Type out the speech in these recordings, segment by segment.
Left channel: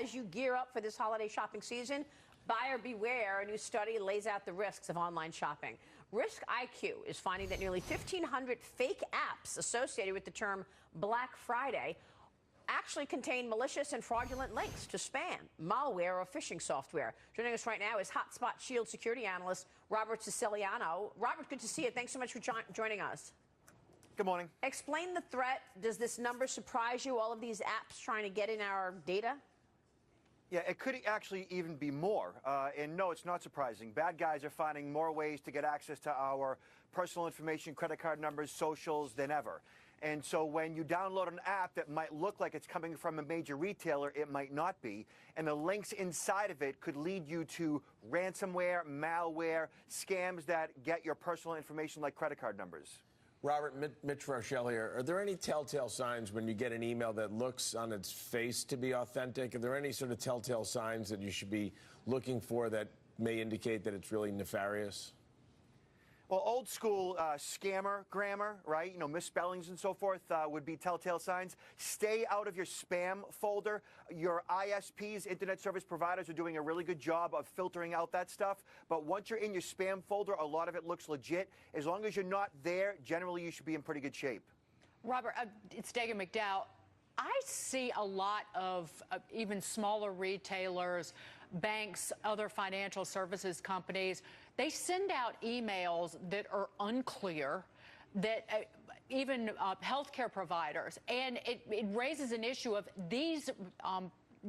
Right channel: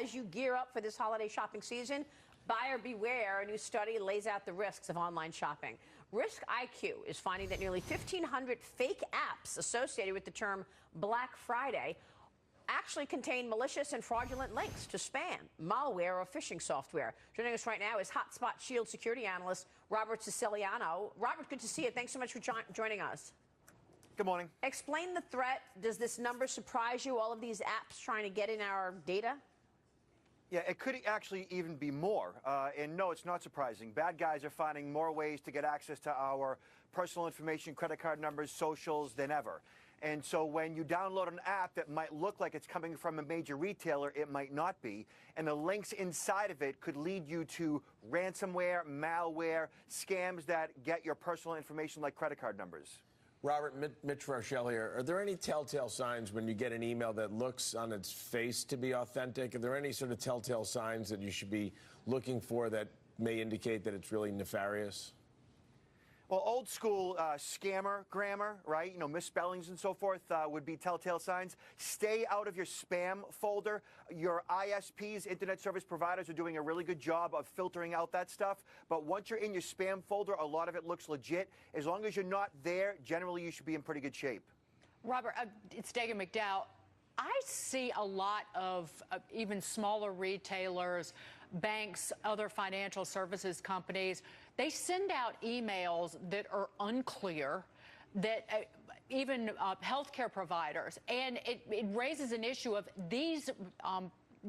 as you gear up for this holiday shopping season, buyer beware. A new study lays out the risks of online shopping. Risk IQ is finding that nearly 1,500 fake apps associated with the term Black Friday actually contain malicious and fraudulent links to spam, malware, or phishing software. Joining us right now is Hotspot Shield security analyst Robert Siciliano. Robert, good to see you. Thanks so much for joining us. Good morning. Explain the threat. Does this number surprise you, all of these apps trying to get in our data? Yeah, it could actually even be more. And no, it's not surprising. Bad guys are finding more ways to get access to our personal information, credit card numbers, socials than ever. And so when you download an app that might look like it's coming from a major retailer, it might not be. And the links inside of it could lead you to ransomware, malware, scams that get your personal information like credit card numbers. Robert, Mitch Rochelle here. Are there any telltale signs when you get an email that looks on its face to be authentic? Are there any sort of telltale signs that you should be looking for that may indicate that it's really nefarious? Well, old school scammer grammar, right? You know, misspellings and so forth would be telltale signs. Stay out of your spam folder. Your ISPs, internet service providers, are doing a really good job of filtering out that stuff. But once you're in your spam folder, a lot of it looks legit. As long as you're not there, generally you should be in pretty good shape. Robert, it's Dagan McDowell. I see a lot of even smaller retailers, banks, other financial services companies. They send out emails that are unclear, that even healthcare providers. And it raises an issue of these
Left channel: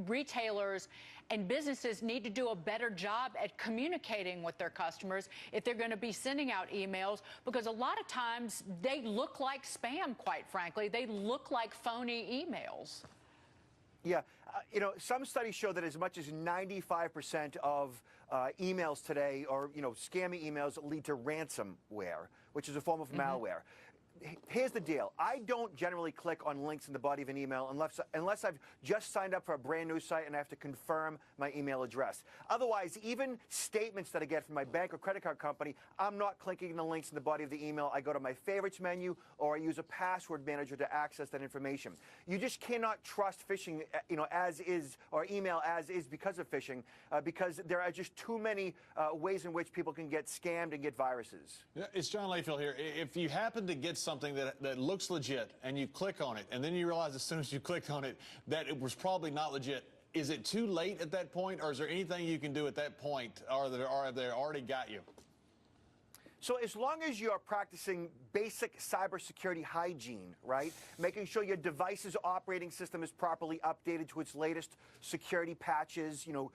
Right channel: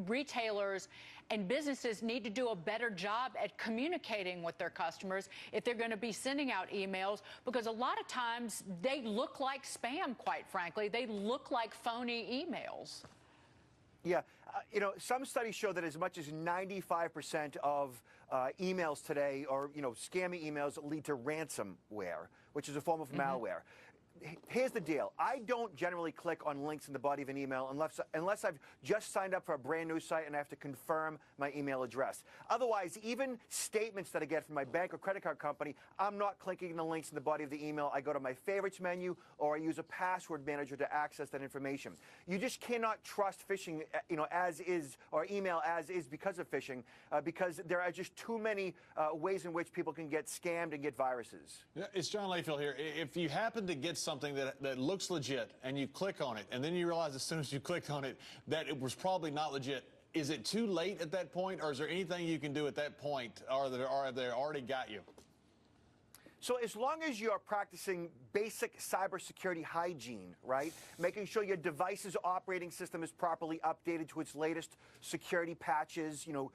retailers and businesses need to do a better job at communicating with their customers if they're going to be sending out emails, because a lot of times they look like spam, quite frankly. They look like phony emails. Yeah. You know, some studies show that as much as 95% of emails today, or, you know, scammy emails, lead to ransomware, which is a form of malware. Here's the deal. I don't generally click on links in the body of an email unless I've just signed up for a brand new site and I have to confirm my email address. Otherwise, even statements that I get from my bank or credit card company, I'm not clicking the links in the body of the email. I go to my favorites menu, or I use a password manager to access that information. You just cannot trust phishing, you know, as is, or email as is, because of phishing, because there are just too many ways in which people can get scammed and get viruses. Yeah, it's John Layfield here. If you happen to get something that looks legit and you click on it and then you realize as soon as you click on it that it was probably not legit, is it too late at that point, or is there anything you can do at that point, or they already got you? So as long as you're practicing basic cybersecurity hygiene, right, making sure your device's operating system is properly updated to its latest security patches, you know,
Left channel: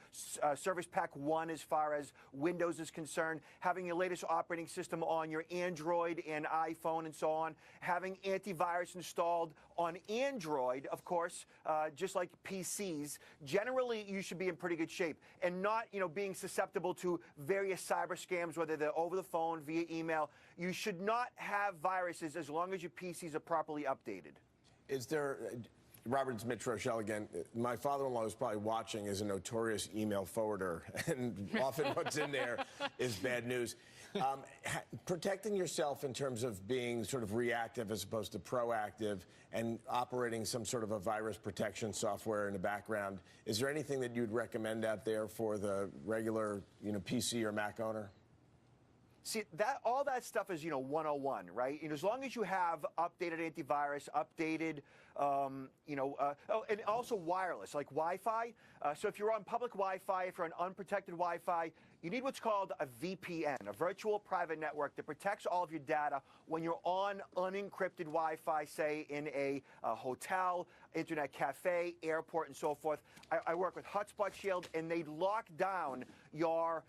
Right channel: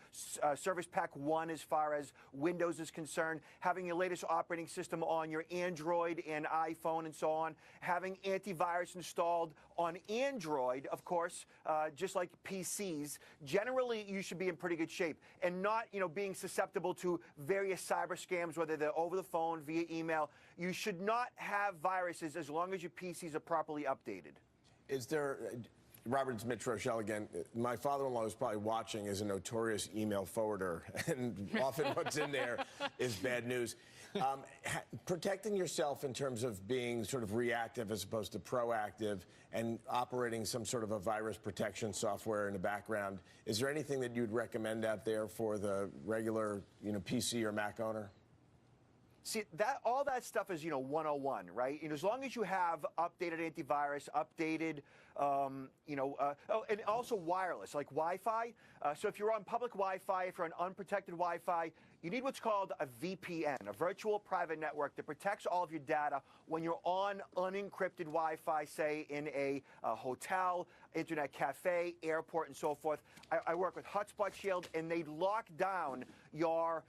Service Pack 1 as far as Windows is concerned, having your latest operating system on your Android and iPhone and so on, having antivirus installed on Android, of course, just like PCs, generally you should be in pretty good shape, and not, you know, being susceptible to various cyber scams, whether they're over the phone, via email. You should not have viruses as long as your PCs are properly updated. Is there, Robert, it's Mitch Rochelle again. My father-in-law is probably watching, as a notorious email forwarder, and often what's in there is bad news. Protecting yourself in terms of being sort of reactive as opposed to proactive, and operating some sort of a virus protection software in the background, is there anything that you'd recommend out there for the regular, you know, PC or Mac owner? See, all that stuff is, you know, 101, right? And as long as you have updated antivirus, updated, and also wireless, like Wi-Fi. So if you're on public Wi-Fi, if you're on unprotected Wi-Fi, you need what's called a VPN, a virtual private network, that protects all of your data when you're on unencrypted Wi-Fi, say in a hotel, internet cafe, airport, and so forth. I work with Hotspot Shield, and they lock down your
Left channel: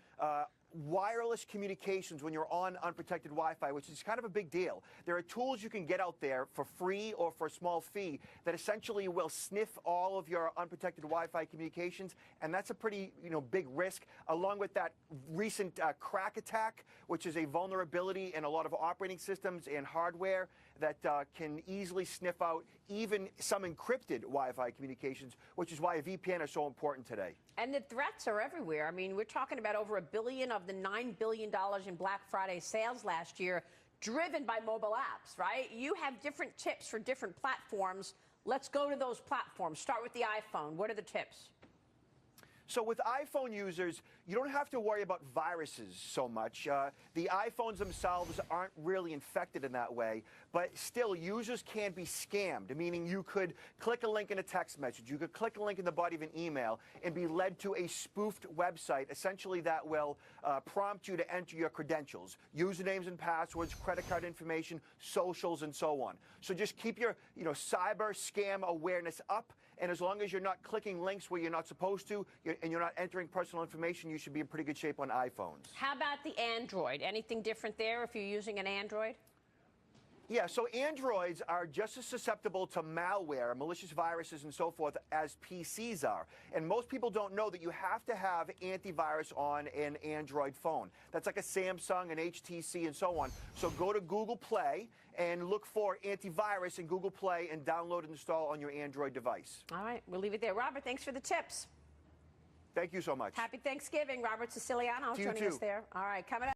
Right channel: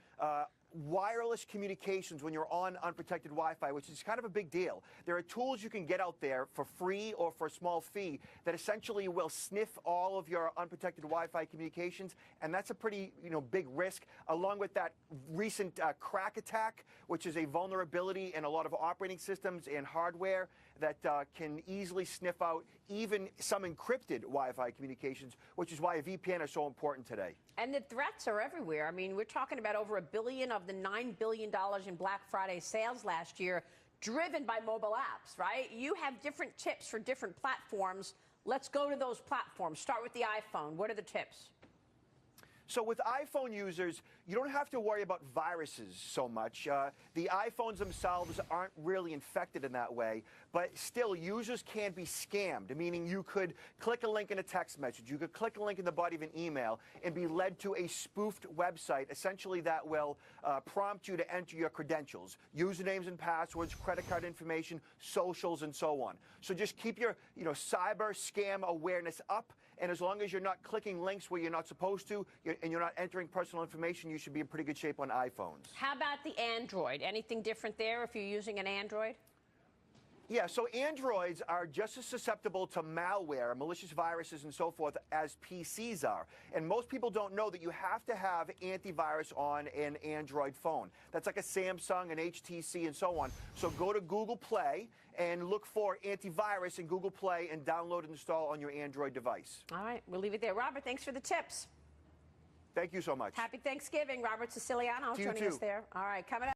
wireless communications when you're on unprotected Wi-Fi, which is kind of a big deal. There are tools you can get out there for free or for a small fee that essentially will sniff all of your unprotected Wi-Fi communications, and that's a pretty, you know, big risk, along with that recent crack attack, which is a vulnerability in a lot of operating systems and hardware that can easily sniff out even some encrypted Wi-Fi communications, which is why a VPN is so important today. And the threats are everywhere. I mean, we're talking about over $1 billion of the $9 billion in Black Friday sales last year, driven by mobile apps, right? You have different tips for different platforms. Let's go to those platforms. Start with the iPhone. What are the tips? So with iPhone users, you don't have to worry about viruses so much. The iPhones themselves aren't really infected in that way, but still users can be scammed, meaning you could click a link in a text message, you could click a link in the body of an email and be led to a spoofed website, essentially that will prompt you to enter your credentials, usernames and passwords, credit card information, socials, and so on. So just keep your cyber scam awareness up. And as long as you're not clicking links where you're not supposed to, and you're not entering personal information, you should be in pretty good shape on iPhones. How about the Android? Anything different there if you're using an Android? Yeah, so Androids are just as susceptible to malware, malicious viruses, and so forth as PCs are. And most people don't know that you have to have antivirus on an Android phone. That's like a Samsung, an HTC, and so on. So go to Google Play and look for antivirus in Google Play and download and install on your Android device. All right, we'll leave it there. Robert, thanks for the tips. Thank you so much. Happy Thanksgiving. Robert Siciliano To you joining too. us there. All right, coming up.